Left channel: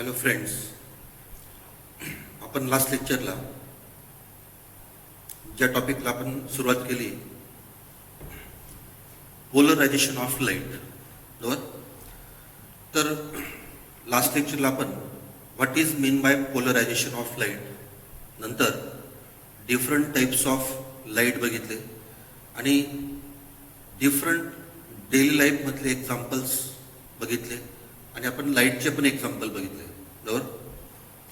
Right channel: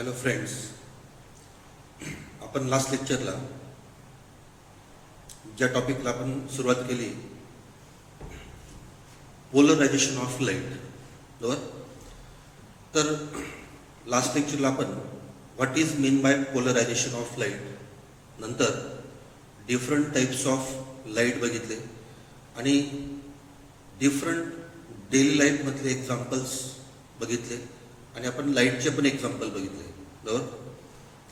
Hello friends, आपण last लेक्चरला ज्या टॉपिकला आपण सुरुवात केली, पोलरायझेशन ऑफ लाईट, बरोबर. तर लास्ट लेक्चरला आपण what is mean by polarisation of light, नंतर डिफरंट टाइप्स ऑफ लाईट बघितले आणि डिफरंट डेली लाईफमधले एक्झाम्पल्स बघितले आणि आपण लाईटचे पण एक्झाम्पल बघितले, बरोबर.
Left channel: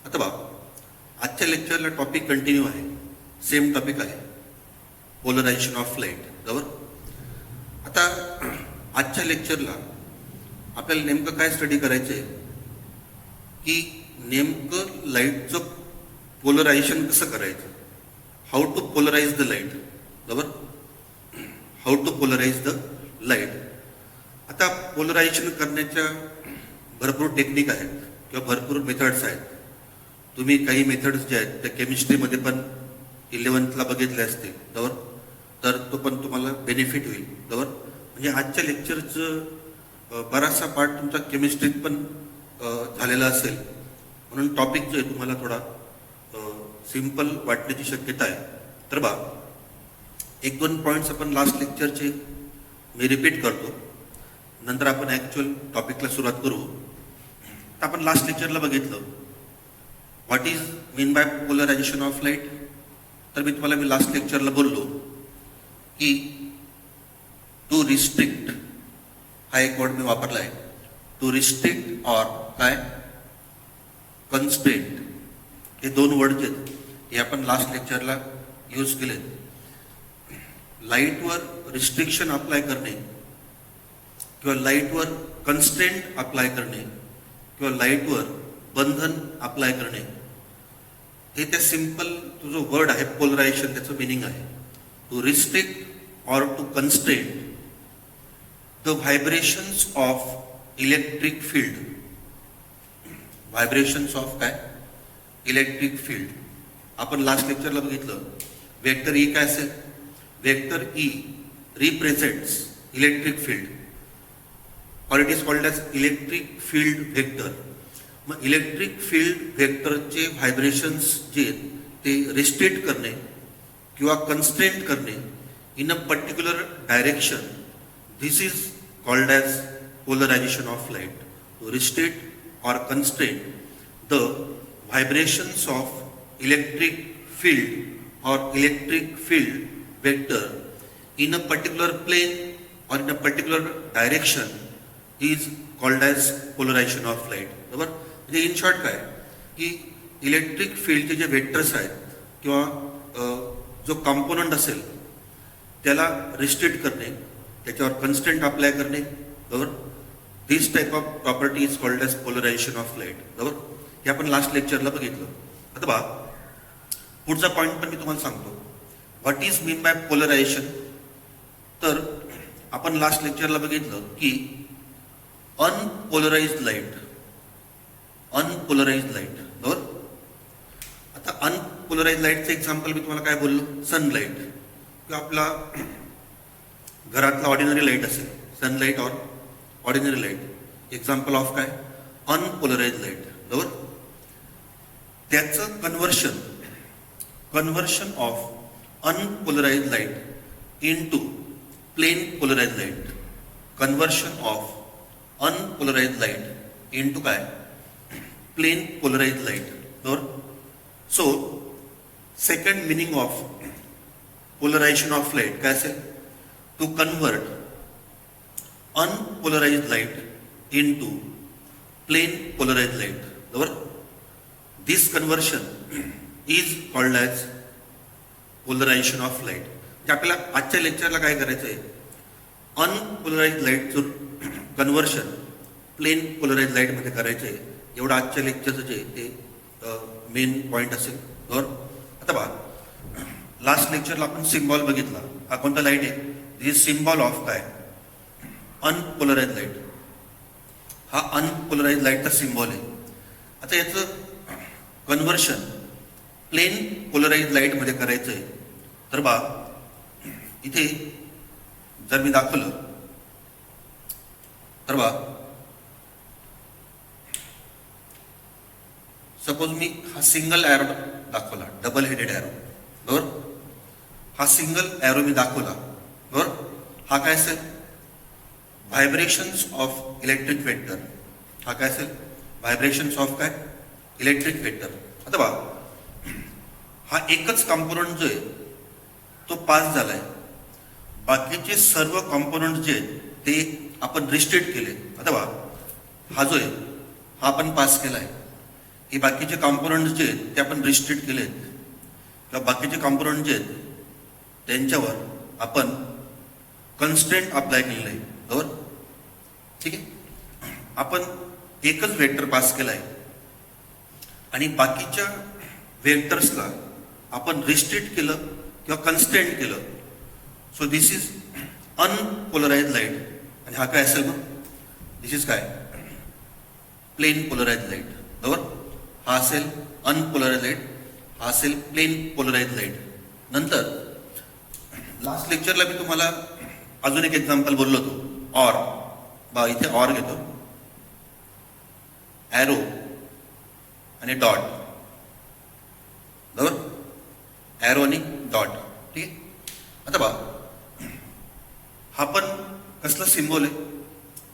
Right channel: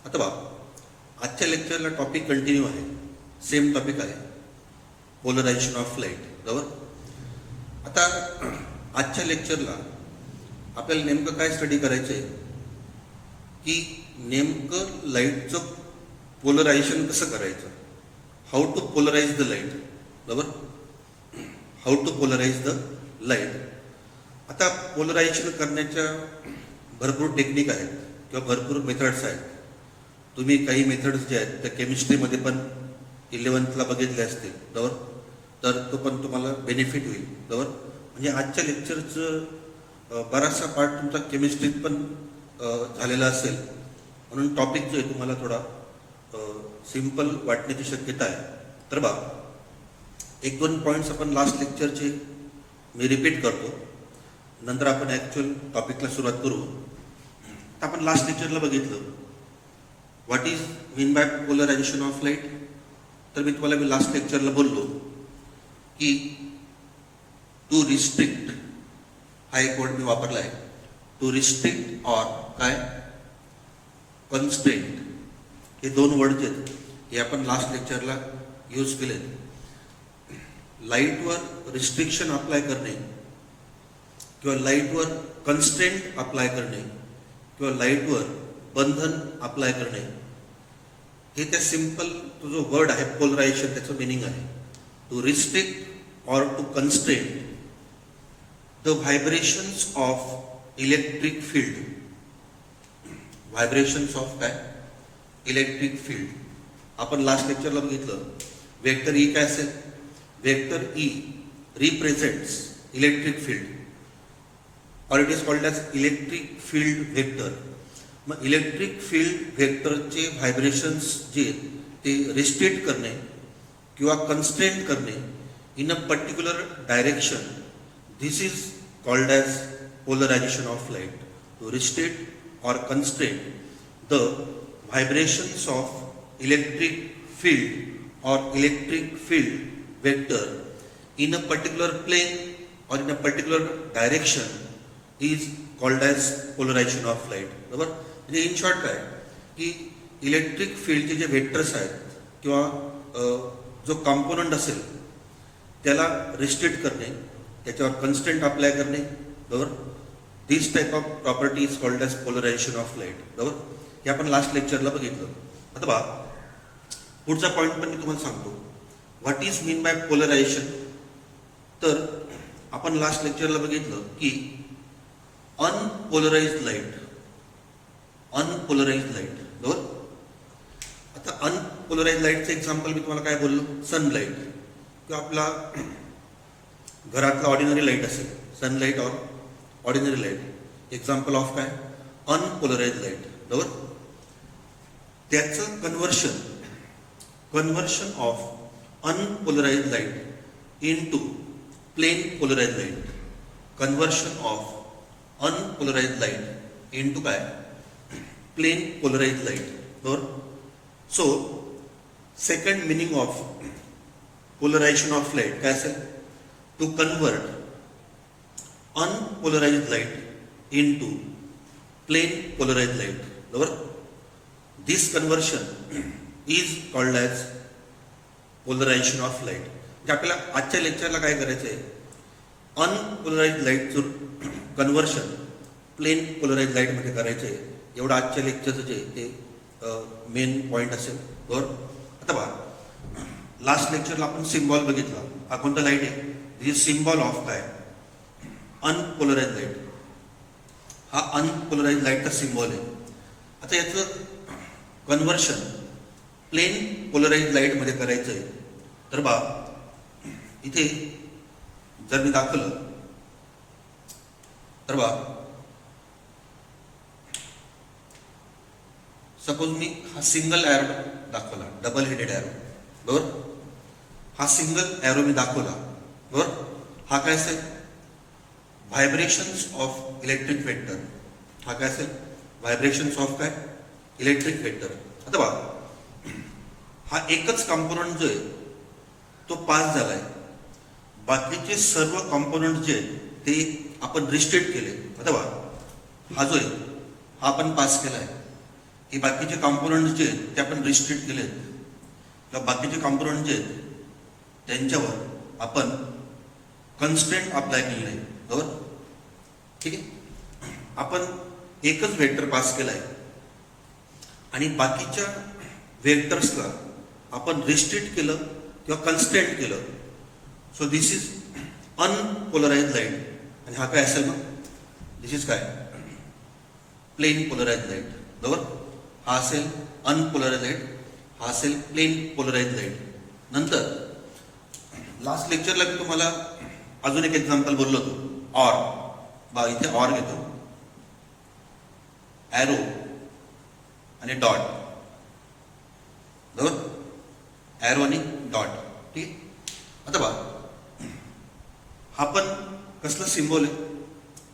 आता बघा, आजच्या लेक्चरला टॉपिक कंटिन्यू आहे, सेम टॉपिक आहे, पोलरायझेशन ऑफ लाईट, बरोबर. आता आजच्या लेक्चरला आपल्याला नेमकं काय स्टडी करायचं आहे की नेमकं लाईटचं पोलरायझेशन कसं करायचं, how to polarise the light, बरोबर. How to polarise the light. आता पोलरायझेशन करण्याच्या भरपूर टेक्निक आहेत किंवा भरपूर मेथड्स आहेत. तुम्ही काही मेथड्स जे आहेत त्या केमिस्ट्रीमध्ये पण 11th बघितले असतील, बरोबर. तर तो पण तुम्हाला बेनिफिट होईल, बरोबर. म्हणजे आजच्या लेक्चरचं बराचसा पार्ट तुमचा केमिस्ट्रीत पण झालेला असेल, म्हणून टॉपिक जो आहे तुम्हाला थोडा सिंपल वाटण्याची शक्यता आहे. तर बा, 1-2 पॉईंट्स आपण लास्ट लेक्चरचे मी रिपीट करतो, नंतर आपण ॲक्च्युअल टॉपिकला सुरुवात करू. आपण लास्ट लेक्चरला बघितलं what is mean by polarisation of light. तर मी लास्ट लेक्चरला बोललो की टू रिस्ट्रिक्ट हा एक वर्ड मी वापरला आहे, टू रिस्ट्रिक्ट ऑर काय कन्स्ट्रेंट, हे 2 वर्ड जे हे आपण लास्ट लेक्चरला यूज केले. लाईटवर रिस्ट्रिक्शन अप्लाय करणे किंवा लाईटवर कन्स्ट्रेंट अप्लाय करणे किंवा लाईटवर बंधन अप्लाय करणे, हे त्या सिंपल तो जो वर्ड आहे पोलरायझेशन त्याचं मिनिंग आहे. To restrict or to constraint the vibrations of electric field. Vibrations of काय इलेक्ट्रिक फील्ड. आपण लास्ट लेक्चरला बघितलं वेक्टर ई काय असेल, vector E represents electric field और it is called as electric field vector. मग इलेक्ट्रिक फील्ड वेक्टरचे vibrations जे ते रिस्ट्रिक्ट करणे किंवा कन्स्ट्रेंट करणे in a particular direction, this is called as polarization of light. To restrict और constraint the vibrations of electric field और electric field vector in a particular plane or in a particular direction is called as polarization of light, बरोबर. म्हणजे in short काय की electric फील्डचे जे vectors आहेत किंवा जो कंपोनंट असेल त्याला रिस्ट्रिक्ट करणे, त्याच्यावर कन्स्टंट अप्लाय करणे, बरोबर. This type of property is called as polarization of light, बरोबर. हे आपण लास्ट लेक्चरला बघितलं. आता बघा, पुढचा पॉईंट पण मी तुम्हाला सांगतो, what is mean by polarisation. तर आपण लास्ट लेक्चरला बघितलं की अनपोलराइज्ड लाईट, अनपोलराइज्ड लाईट, बरोबर. आता अनपोलराइज्ड लाईटचं एक्झाम्पल मी तुम्हाला काय बोललो, सनलाईट किंवा आपला घरातला ऑर्डिनरी लाईट असेल, sunlight or ordinary light, example of काय अनपोलराइज्ड लाईट, बरोबर. त्याचं conversion of unpolarized light into plane polarized light, conversion of unpolarized light into काय प्लेन पोलराइज्ड लाईट, बरोबर. So second meaning of polarization of light काय असेल, to convert unpolarized light into plane polarized light, बरोबर. This conversion is called as polarization of light. आपल्याला आजच्या लेक्चरला काय करायचं आहे, अनपोलराइज्ड लाईटचं कन्वर्शन प्लेन पोलराइज्ड लाईट मध्ये करायचं आहे. एवढं आजच्या लेक्चरचं जे हे मेन पॉईंट असेल, बरोबर. आता बघा, लास्ट लेक्चरला आपण सिम्बॉल बघितला. हा कोणता लाईट आहे, दिस सिम्बॉल ऑफ काय अनपोलराइज्ड लाईट. हा अनपोलराइज्ड लाईटचा सिम्बॉल आहे. आता याचं कन्वर्शन प्लेन पोलराइज्ड लाईट मध्ये करायचं आहे. तर बा, इथे जर मी दाखवलं तर बा, सपोज मी हा सिंगल एरो दाखवला, डबल हेडेड एरो, बरोबर. हा सिंगल एरो मी दाखवला, बरोबर. हा काय असेल, व्हायब्रेशन्स ऑफ इलेक्ट्रिक वेक्टर. हा काय असेल, व्हायब्रेशन्स ऑफ काय, इलेक्ट्रिक वेक्टर. अथवा हा एकच कॉम्पोनंट जो आहे तो पास झालाय, बाकीचे सर्व कॉम्पोनंट जे ते आपण रिस्ट्रिक्ट केले. अथवा हा जो आहे हा आपण पास केलाय, हे बाकीचे कॉम्पोनंट जे ते आपण रिस्ट्रिक्ट केले, किंवा बाकीचे कॉम्पोनंट जे त्यांच्यावर आपण कन्स्ट्रेंट अप्लाय केलेले आहे, बरोबर. ठीक आहे. आपण एकच वेक्टर पास केलाय आणि बाकीच्या वेक्टर्सला आपण रिस्ट्रिक्ट केलं किंवा कन्स्ट्रेंट केलं. So this is unpolarise light. आणि हा काय असेल मग, दिस इज काय, प्लेन पोलराइज लाईट, बरोबर. हा असेल अनपोलराइज लाईट, हा असेल प्लेन पोलराइज लाईट. नंतर लास्ट लेक्चरला मी तुम्हाला अजून एक एक्झाम्पल बोललो होतो, ऑर. इथे ऑर घेतो, एरो आणि डॉट, बरोबर. एरो आणि डॉट. ठीक. आता बघा, हा पण कसलं सिम्बॉल आहे,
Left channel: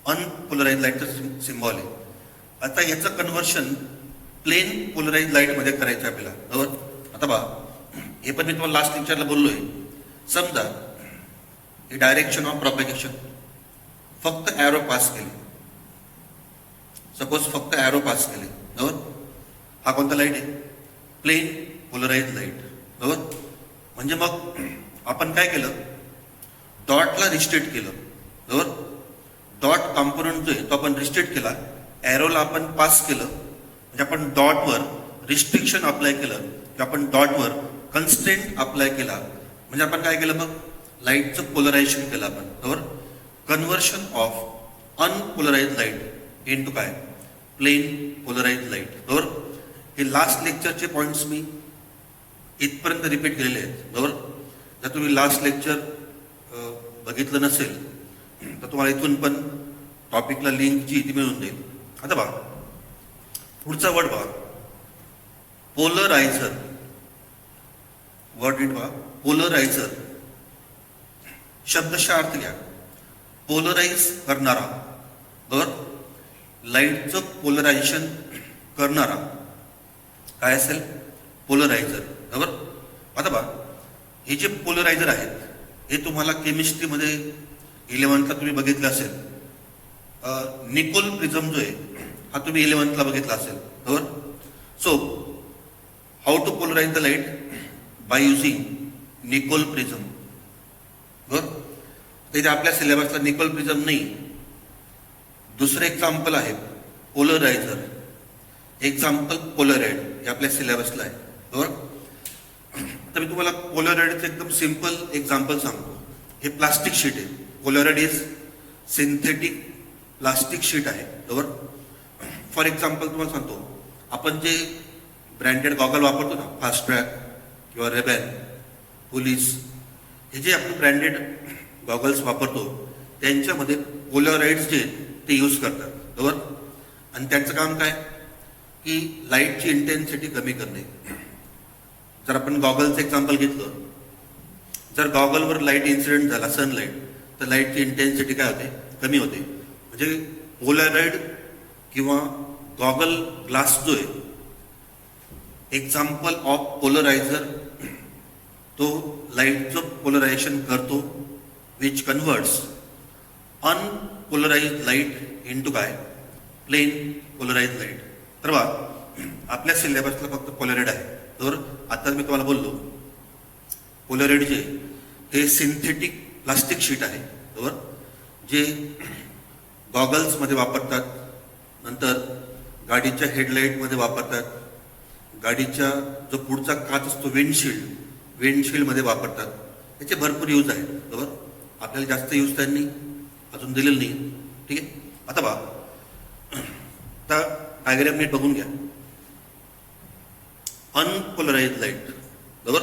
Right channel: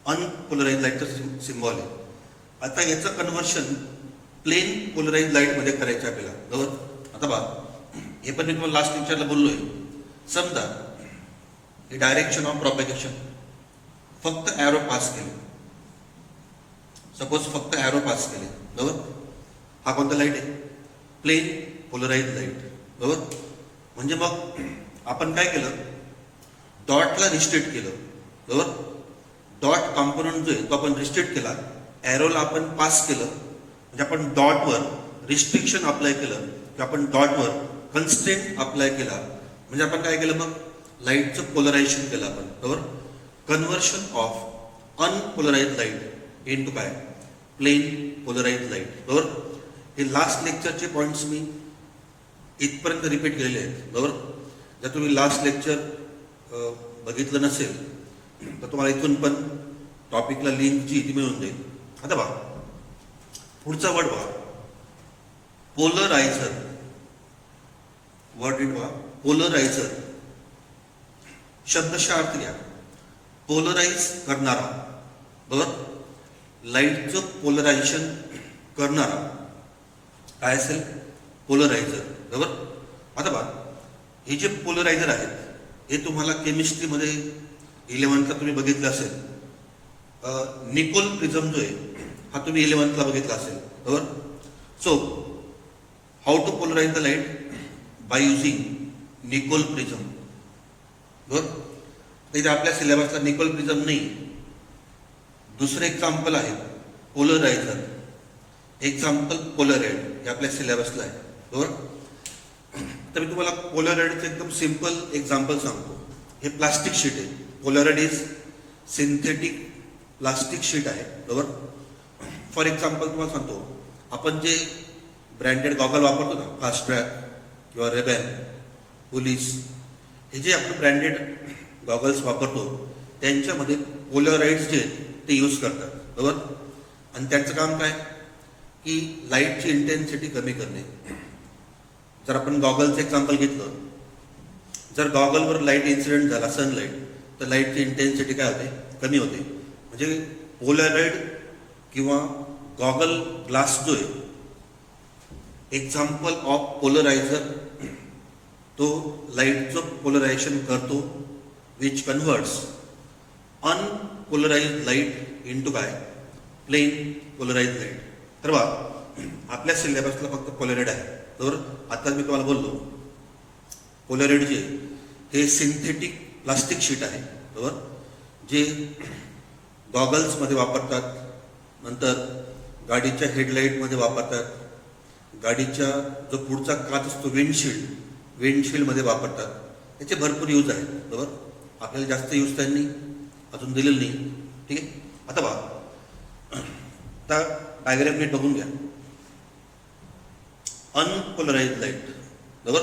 अनपोलराइज लाईटचं सिम्बॉल आहे. आता याचं कन्व्हर्शन प्लेन पोलराइज लाईट मध्ये करायचं आपल्याला, बरोबर. आता बघा, हे पण मी तुम्हाला लास्ट लेक्चरला बोललोय. समजा हे डायरेक्शन ऑफ प्रॉपगेशन, फक्त एरो पास केले, सपोज फक्त एरो पास केले, बरोबर. हा कोणता लाईट आहे, प्लेन पोलराइज लाईट, बरोबर. म्हणजे मग आपण काय केलं, डॉटला रिस्ट्रिक्ट केलं, बरोबर. डॉट कॉम्पोनंट जो आहे तो आपण रिस्ट्रिक्ट केला, एरोला आपण पास केलं, म्हणजे आपण डॉटवर रिस्ट्रिक्शन अप्लाय केलं, किंवा आपण डॉटवर कन्स्ट्रेंट अप्लाय केला. म्हणजे आपण काय केलं, मग लाईटचं पोलरायझेशन केलं आपण, बरोबर. Conversion of unpolarise light into काय, प्लेन पोलराइज लाईट, बरोबर. हे लास्ट लेक्चरचे पॉइंट्स मी इथपर्यंत रिपीट केलेले आहेत, बरोबर. जर तुम्ही लास्ट लेक्चर बघितलं नसेल तर तुम्हाला इथून पण टॉपिकला लिंक जी ती मिळून जाईल. आता बघा, पुढचा वर्ड बघा, पोलरायझर. वर्ड बघा, पोलरायझर. शब्दशः अर्थ घ्या, पोलराइज करणारा, बरोबर. लाईटचं पोलरायझेशन करणारा काय असेल, पोलरायझर, बरोबर. आता बघा, हे जे पोलरायझर आहेत हे तुम्हाला केमिस्ट्रीमध्ये 11th तुम्ही बघितलं असेल. निकोल प्रिझम जो आहे हा तुम्ही 11th बघितला असेल, बरोबर. So how to polarise the light by using Nicol prism, बरोबर. इथे आपल्या सिलेबसला निकोल प्रिझम नाही. दुसरं एक्झाम्पल आहे पोलरायझर, एक्झाम्पल पोलराइड, हे आपल्या सिलेबसला आहे, बरोबर. तर मी तुम्हाला पोलराइडचं एकदम सिंपल एक्झाम्पल सांगतो. हे प्लास्टिक शीट आहे, Polaroid is synthetic plastic sheet आहे, बरोबर. फॉर एक्झाम्पल तुम्हाला सांगतो, आपण जे ब्रँडेड गॉगल वापरतो ना, फास्ट ट्रॅक किंवा रेबॅन, पोलीस, हे जे आपण ब्रँडेड गॉगल्स वापरतो त्यांच्यामध्ये पोलराइड्स जे ते यूज करतात, बरोबर. आणि त्यांचं काम काय की लाईटची इंटेन्सिटी कमी करणे. जर आपण गॉगलचं एक्झाम्पल घेतलं, जर गॉगलवर लाईट इन्सिडेंट झाला, सनलाईट, तर लाईटची इंटेन्सिटी काय होते, कमी होते. म्हणजे पोलराइड किंवा गॉगल ग्लास जो आहे, एक्झाम्पल ऑफ पोलरायझर, तो लाईटचं पोलरायझेशन करतो, विच कन्व्हर्ट्स अनपोलराइज लाईट इनटू काय, प्लेन पोलराइज लाईट. तर बघा, आपल्या सिलेबसला फक्त पोलराइड आहे, तर आता मी तुम्हाला बोललो पोलराइड जे हे सिंथेटिक प्लास्टिक शीट आहे, बरोबर, जे गॉगल्स मध्ये वापरतात, नंतर गाडीच्या हेडलाईट मध्ये वापरतात, गाडीच्या जो पुढचा काच असतो विंडशील्ड मध्ये वापरतात. त्याचे भरपूर यूज आहे, बरोबर. आपल्याला जास्त यूज त्यांनी अजून दिलेलं नाही. ठीक आहे. आता बघा, आता डायग्राम नीट बघून घ्या. अनपोलराइज लाईट, बरोबर.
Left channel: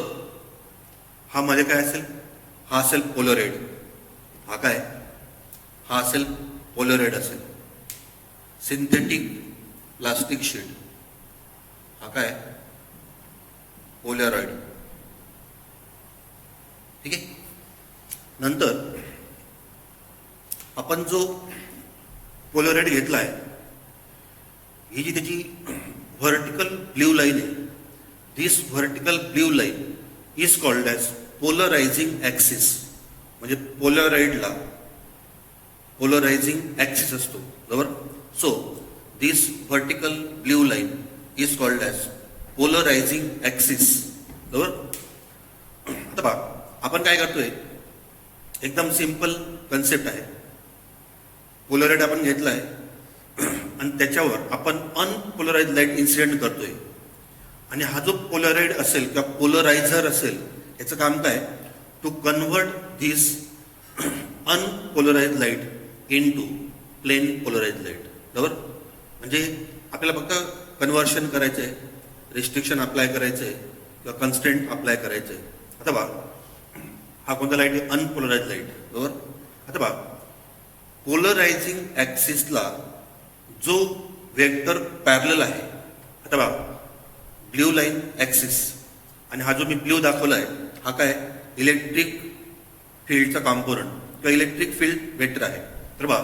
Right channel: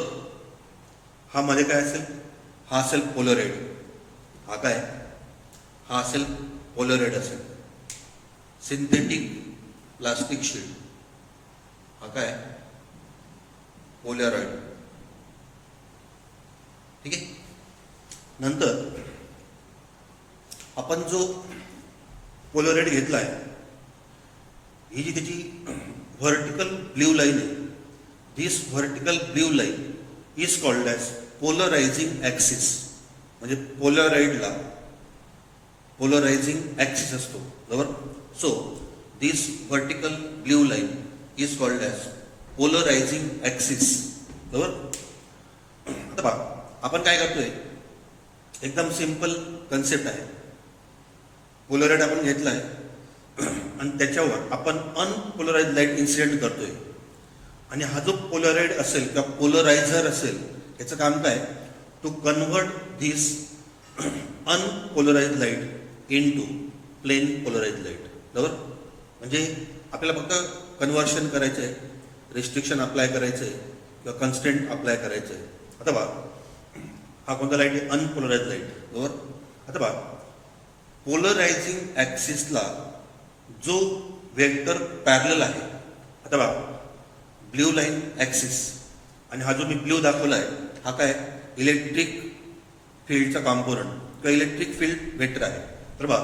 हा मध्ये काय असेल, हा असेल पोलराइड, हा काय, हा असेल पोलराइड असेल, सिंथेटिक प्लास्टिक शीट. हा काय पोलॅरॉइड. ठीक आहे. नंतर आपण जो पोलॅरॉइड घेतलाय, ही जी त्याची व्हर्टिकल ब्ल्यू लाईन आहे, this vertical blue line is called as polarizing axis. म्हणजे पोलॅरॉइडला पोलरायझिंग ॲक्सिस असतो, बरोबर. So this vertical blue line is called as polarizing axis, बरोबर. आता पहा, आपण काय करतोय, एकदम सिंपल कन्सेप्ट आहे. पोलॅरॉइड आपण घेतलाय आणि त्याच्यावर आपण अनपोलराइज लाईट इन्सिडेंट करतोय. आणि हा जो पोलॅरॉइड असेल किंवा पोलरायझर असेल, याचं काम काय, to convert this unpolarise light into plane polarise light, बरोबर. म्हणजे आपल्याला फक्त कन्व्हर्शन करायचं आहे, रिस्ट्रिक्शन अप्लाय करायचं आहे किंवा कन्स्टेंट अप्लाय करायचं आहे. आता बघा, हा कोणता लाईट आहे, अनपोलराइज लाईट, बरोबर. आता बघा, पोलरायझिंग ॲक्सिसला जो वेक्टर पॅरलल आहे, आता बघा ब्ल्यू लाईन ॲक्सिस, आणि हा जो मी ब्ल्यू दाखवला आहे हा काय इलेक्ट्रिक फील्डचा कॉम्पोनंट किंवा इलेक्ट्रिक फील्ड वेक्टर आहे. तर बघा,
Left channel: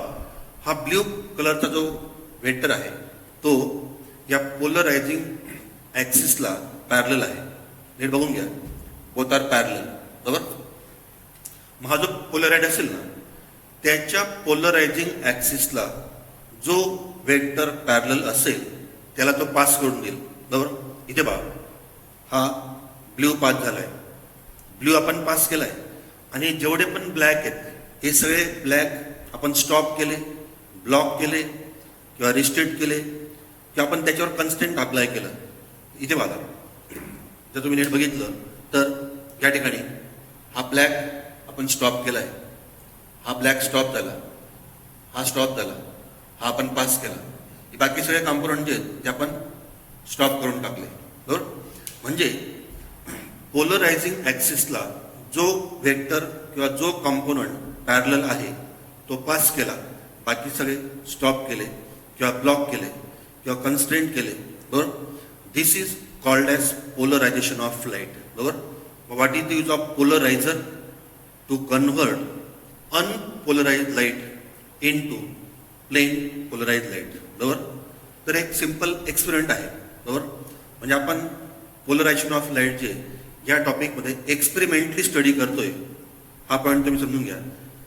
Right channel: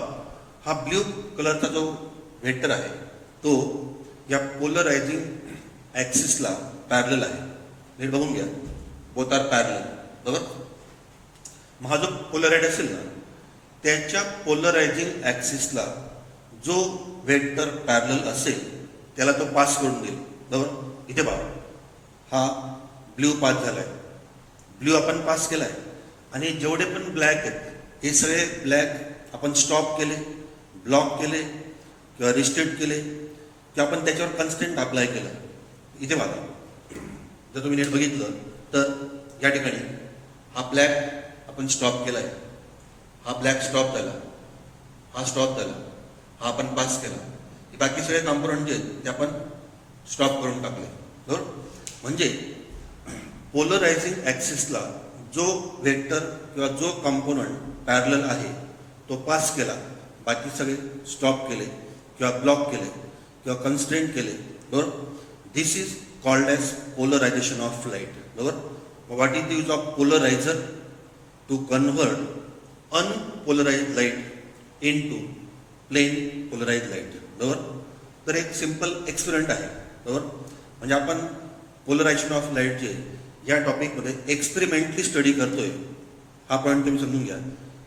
हा ब्ल्यू कलरचा जो वेक्टर आहे तो या पोलरायझिंग ॲक्सिसला पॅरलल आहे. नीट बघून घ्या, बोथ आर पॅरलल, बरोबर. मग हा जो पोलराइड असेल ना, त्याच्या पोलरायझिंग ॲक्सिसला जो वेक्टर पॅरलल असेल त्याला तो पास करून देईल, बरोबर. इथे बघा, हा ब्ल्यू पास झालाय, ब्ल्यू आपण पास केलाय, आणि जेवढे पण ब्लॅक आहेत हे सगळे ब्लॅक आपण स्टॉप केले, ब्लॉक केले किंवा रिस्ट्रिक्ट केले किंवा आपण त्याच्यावर कन्स्टेंट अप्लाय केलं. इथे बघा, जर तुम्ही नीट बघितलं तर या ठिकाणी हा ब्लॅक आपण स्टॉप केलाय, हा ब्लॅक स्टॉप झाला, हा स्टॉप झाला, हा आपण पास केला. बाकी सगळे कॉम्पोनंट जे आहेत ते आपण स्टॉप करून टाकले, बरोबर. म्हणजे पोलरायझिंग ॲक्सिसला जो वेक्टर किंवा जो कॉम्पोनंट पॅरलल आहे तो पास केला, बाकी सगळे स्टॉप केले किंवा ब्लॉक केले किंवा कन्स्ट्रेंट केले, बरोबर. This is called as polarization of light, बरोबर. What is the use of polarizer, to convert unpolarize light into plane polarise light, बरोबर. तर एक सिंपल एक्सपेरिमेंट आहे, बरोबर. म्हणजे आपण पोलरायझेशन ऑफ लाईट जे या टॉपिकमध्ये एक्सपेरिमेंटली स्टडी करतोय, हा पॉईंट तुम्ही समजून घ्या.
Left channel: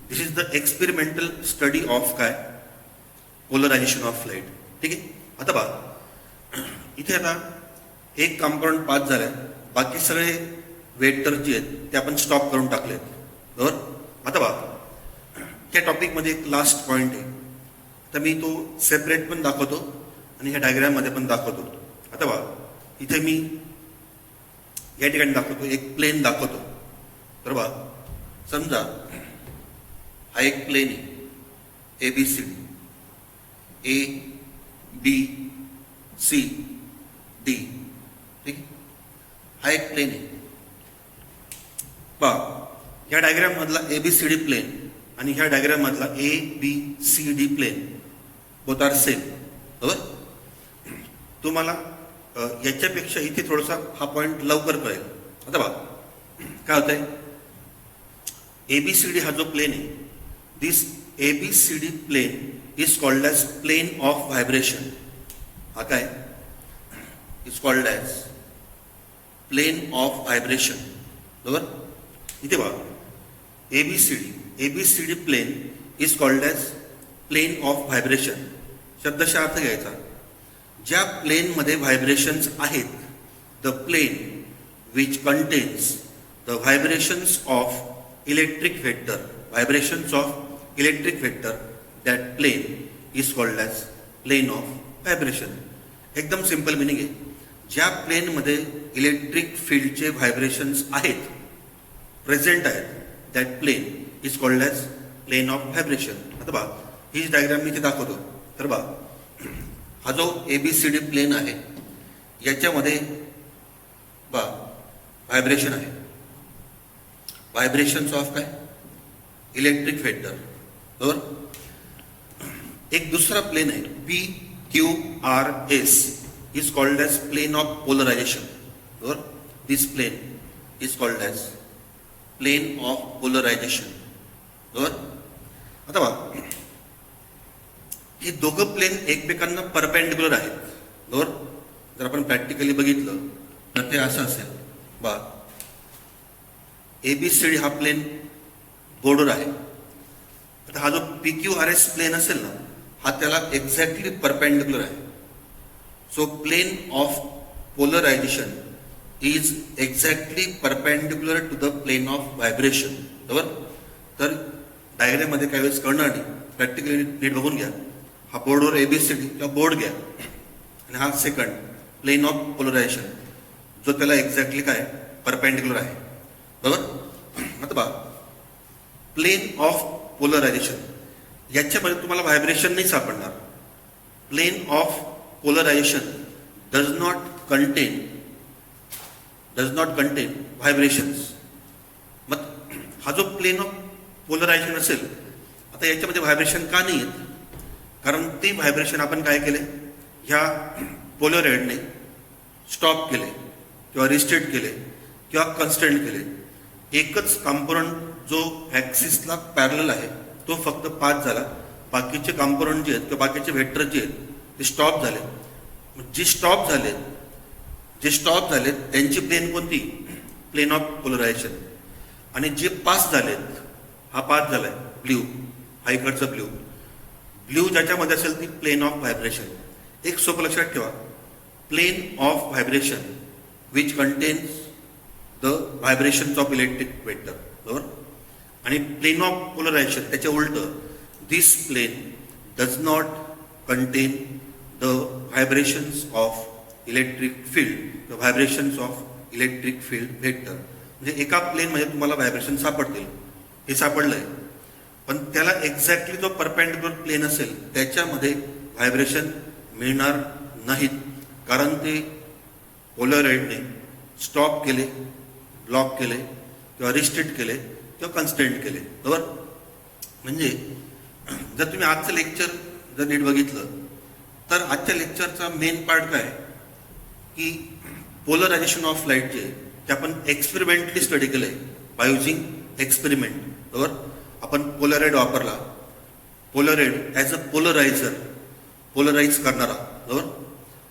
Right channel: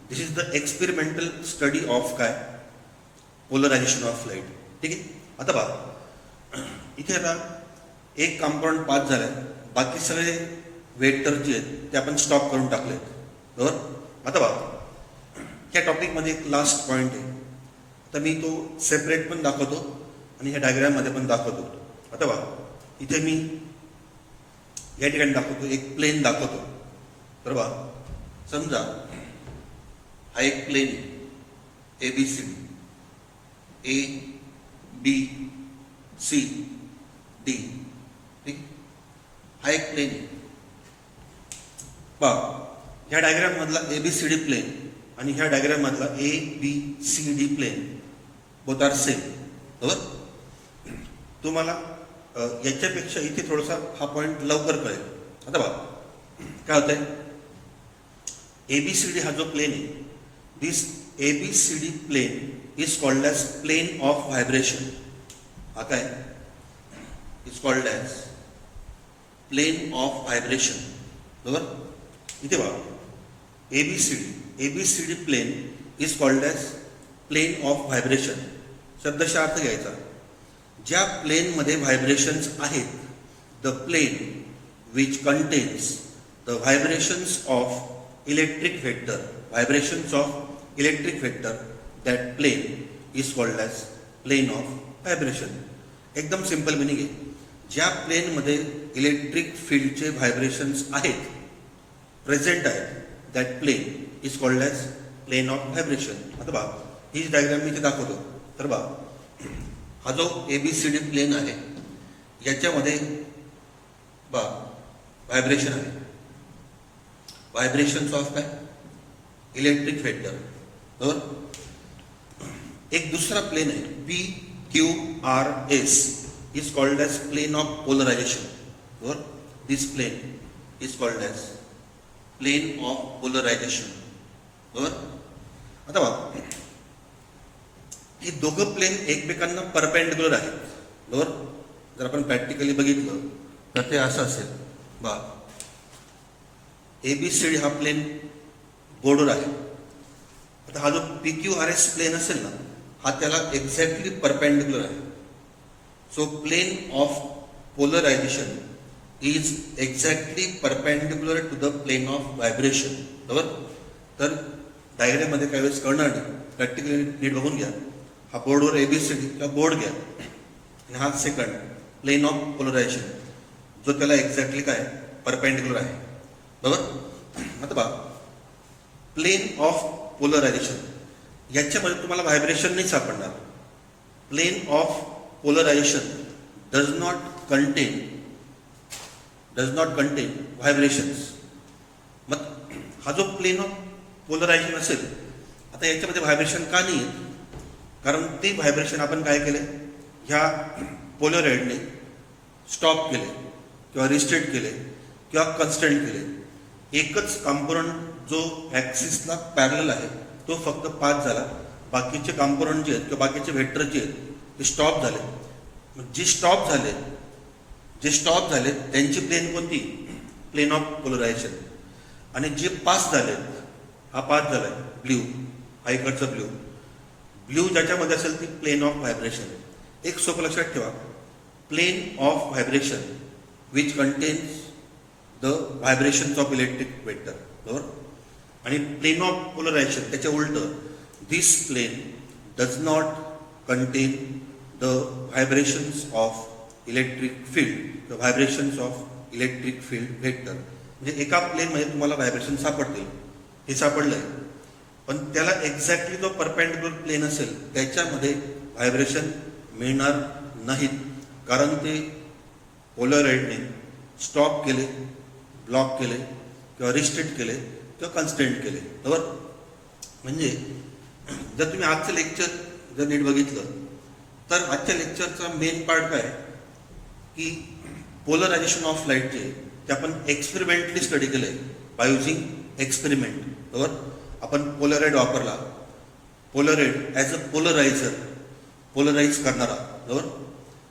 This is the experimental study of काय, पोलरायझेशन ऑफ लाईट. ठीक आहे. आता पहा, इथे आता एक कंपाऊंड पास झालाय, बाकी सगळे वेक्टर जे आहेत ते आपण स्टॉप करून टाकले, बरोबर. आता पहा, त्या टॉपिकमध्ये एक लास्ट पॉईंट आहे, तर मी तो सेपरेट पण दाखवतो आणि ह्या डायग्राममध्ये पण दाखवतो. आता पहा, इथे मी या ठिकाणी दाखवतो, एक प्लेन दाखवतो. तर बघा, समजा हा एक प्लेन आहे, ABC, ABCD. ठीक, हा एक प्लेन आहे. पहा, ह्या डायग्राम मधला ABCD प्लेन आणि ह्या डायग्राम मधला ABCD plane both are same, बरोबर. तुम्हाला याच्यापेक्षा इथे थोडासा हा पॉइंट लवकर कळेल. आता बघा काय होतंय, ABCD हा जो प्लेन आहे, this ABCD plane is called as plane of vibration. हा काय is called as plane of vibration, बरोबर. इथे बघा, ABCD plane is called as plane of vibration. शब्दशः अर्थ घ्यायचा, ज्या प्लेनमध्ये व्हायब्रेशन्स आहेत, the plane which contains the vibrations of electric vector, vibrations of electric vector, that plane is called as plane of vibration. एकदम सिंपल मिनिंग आहे, ज्या प्लेनमध्ये इलेक्ट्रिक फील्डचे व्हायब्रेशन्स आहेत, प्रेझेंट आहेत, that plane is called as plane of vibration. आता बघा, हीच डायग्राम मी इथे दाखवतो. तर बघा, हा जो ABCD प्लेन आहे याच्यामध्ये बघा व्हायब्रेशन आहे, व्हायब्रेशन्स ऑफ काय, इलेक्ट्रिक व्हेक्टर, बरोबर. एक दुसरा प्लेन आहे PQRS, is called as plane of polarization. Or this plane is called as plane of polarization. बरोबर. आता बघा, ही दोघं प्लेन एकमेकांना परपेंडिक्युलर आहेत. बरोबर. जर आपण प्रॅक्टिकली बघितलं तर ते असं असेल बा, एबीसीडी हा प्लेन बोर्डवर आहे. आता हा जो PQRS प्लेन असेल ना, हा त्याला एक्झॅक्टली परपेंडिक्युलर आहे. So plane of polarisation is exactly perpendicular to the plane of vibration. बरोबर. तर डायग्राम मध्ये काही वेळेस कळणार नाही, प्रॅक्टिकली नीट बघून घ्या. हा बोर्डवर एबीसीडी किंवा बोर्ड घ्या आणि हा सेकंड प्लेन ऑफ पोलरायझेशन जो त्याला एक्झॅक्टली काय परपेंडिक्युलर आहे. बरोबर. आता बघा, प्लेन ऑफ पोलरायझेशन याच्यामध्ये तुम्हाला व्हायब्रेशन नाही सापडणार. Plane of polarisation does not contain vibrations. मग हा जो प्लेन ऑफ पोलरायझेशन असेल, आता याच्यामध्ये व्हायब्रेशन का नाही येत? कारण ते व्हायब्रेशन आपण काय केले, ह्या पोलरॉइडने स्टॉप केले किंवा रिस्ट्रिक्ट केले किंवा कन्स्टंट केले. एकच कॉम्पोनंट जो ऍक्सिसला पॅरलल आहे तो फक्त पास झाला. बाकीचे कॉम्पोनंट जे आहेत किंवा बाकीचे व्हेक्टर जे आहेत ते स्टॉप झाले. जे स्टॉप झाले त्यांची प्लेन कोणती? Plane of polarisation. आणि जे पास झालेत, हा पास झालाय ब्ल्यू, हा इकडचा ब्ल्यू ज्याच्यामध्ये असेल ती प्लेन ऑफ व्हायब्रेशन. एक सोपं लक्षात ठेवा, plane of vibration which contains the vibrations of electric vector. बरोबर. आणि प्लेन ऑफ पोलरायझेशन त्याच्या उलट, this plane does not contain the vibrations of electric field, vibrations of electric field vector. म्हणजे एका प्लेन मध्ये तुम्हाला व्हायब्रेशन सापडतील, हे सापडलंय, पण त्याला एक्झॅक्टली जो परपेंडिक्युलर प्लेन असेल त्याच्यामध्ये व्हायब्रेशन मिळणार नाहीत. कारण ते पोलरॉइडने स्टॉप केले, ब्लॉक केले किंवा रिस्ट्रिक्ट केले किंवा कन्स्टंट केले. बरोबर. म्हणजे जर तुम्ही आजचं लेक्चर जर नीट बघितलं तर आजच्या लेक्चरचा मेन पार्ट काय की पोलरायझेशन ऑफ लाईट जे ते आपण एक्सपेरिमेंटली स्टडी केलंय बाय युझिंग एक्सपेरिमेंट. बरोबर. आपण पोलरॉइड वापरला, polaroid as a polariser, polarise करणारा. बरोबर.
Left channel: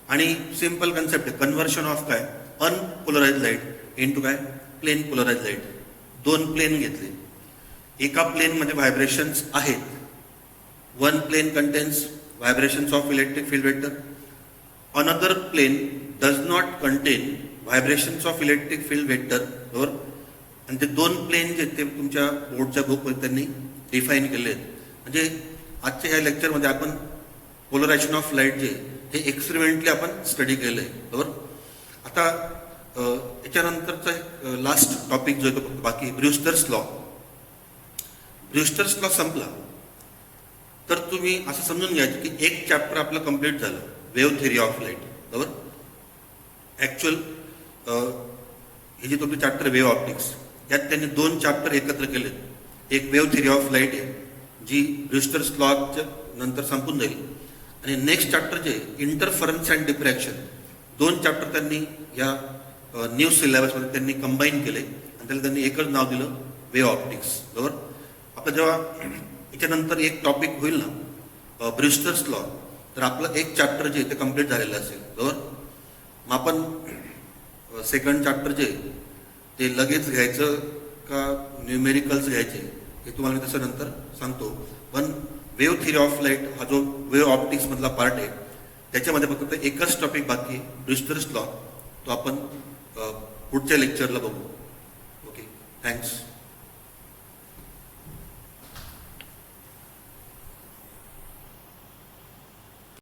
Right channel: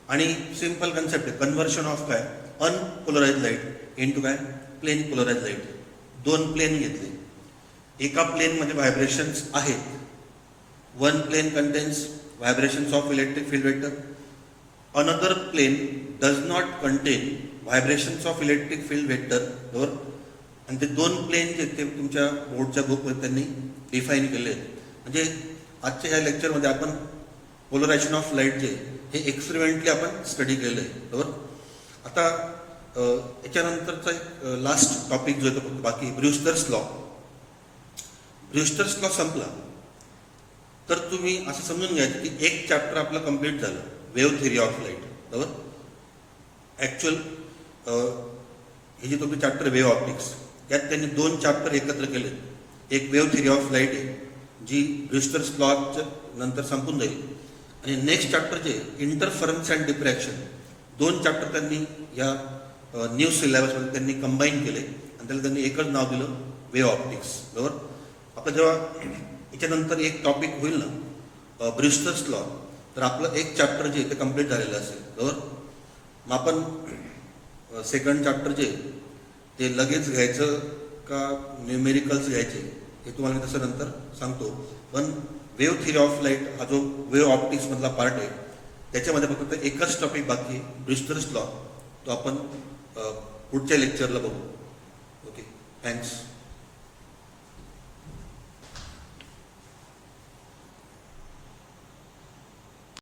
आणि सिंपल कन्सेप्ट आहे, कन्व्हर्शन ऑफ काय अनपोलराइज लाईट इनटू काय प्लेन पोलराइज लाईट. दोन प्लेन घेतले, एका प्लेन मध्ये व्हायब्रेशन्स आहेत. One plane contains vibrations of electric field vector, another plane does not contain vibrations of electric field vector. बरोबर. आणि ते दोन प्लेन जे ते तुमच्या बोर्डच्या ग्रुपमध्ये त्यांनी डिफाईन केले आहेत. म्हणजे आजच्या या लेक्चरमध्ये आपण पोलरायझेशन ऑफ लाईट जे हे एक्सपेरिमेंटली आपण स्टडी केलंय. बरोबर. आता याच्यानंतरचा लास्ट टॉपिक जो आहे तो बाकी ब्रुस्टर्स लॉ. ब्रुस्टर्स लॉ संपला तर तुम्ही असं समजून घ्यायचं की एक चॅप्टर आपलं कम्प्लीट झालं, वेव्ह थिअरी ऑफ लाईट. बरोबर. ऍक्च्युअल हे जे तुमचं चॅप्टर वेव्ह ऑप्टिक्स, यात त्यांनी दोन चॅप्टर एकत्र केले. एक वेव्ह थिअरी ऑफ लाईट आहे जी ब्रुस्टर्स लॉच्या नंतर संपून जाईल, आणि नेक्स्ट चॅप्टर जे इंटरफरन्स अँड डिफ्रॅक्शन, दोन चॅप्टर त्यांनी या न्यू सिलेबसमध्ये त्यांनी कंबाईन केले आणि त्याला त्यांनी एकच नाव दिलं वेव्ह ऑप्टिक्स. बरोबर. आता जेव्हा याच्यानंतर एक टॉपिक होईल ना ब्रुस्टर्स लॉ, तर आपलं एक चॅप्टर जे ते कम्प्लीट झालेलं असेल. बरोबर. मग आपण सेकंड चॅप्टर जे ते लगेच घ्यायचं का न्यूमेरिकल्स घ्यायचे हे तुम्हाला मी तसं नंतर सांगतो. पण वेव्ह थिअरी ऑफ लाईट हा जो वेव्ह ऑप्टिक्स मधला पार्ट आहे त्याच्यामध्ये फक्त एकच टॉपिक बाकी, ब्रुस्टर्स लॉ, तो आपण पुढच्या लेक्चरला बघू. Okay, thanks.